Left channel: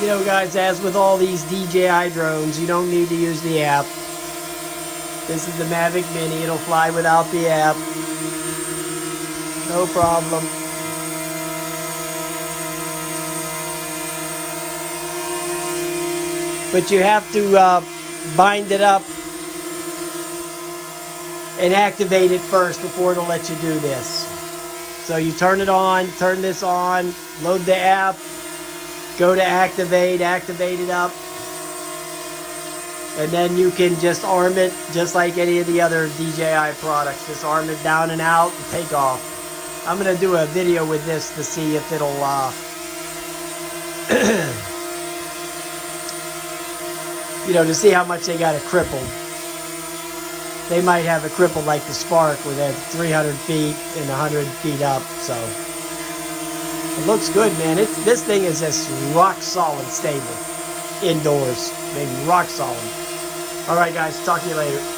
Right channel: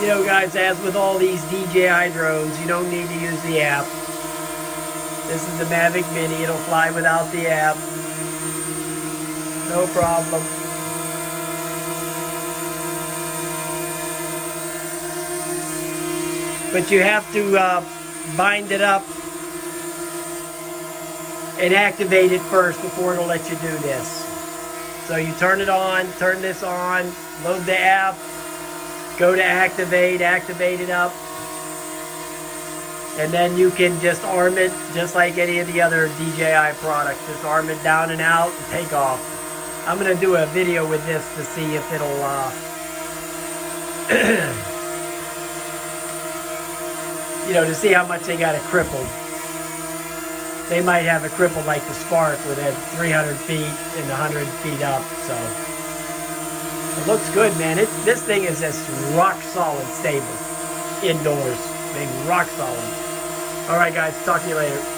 You know, guys, as with all these DJI drones, you don't need to use the app. This is the Mavic Mini. It'll fly without the app. No problem. But you have to bind it up and activate it first before it'll let you do this. So you turn it on, turn this on, load the app, go to activate it up, and then you can just arm it just like any of the other DJI products. Just arm it down and out and take off. I'm going to do a video with this to see if it'll you know, to see how much they got it crippled. They might have it crippled like the Spark, where they had 300 feet and 100 feet up. So it looks good, man. This thing is just rock solid stable indoors. I mean, rock solid. All right, guys. Talk to you later.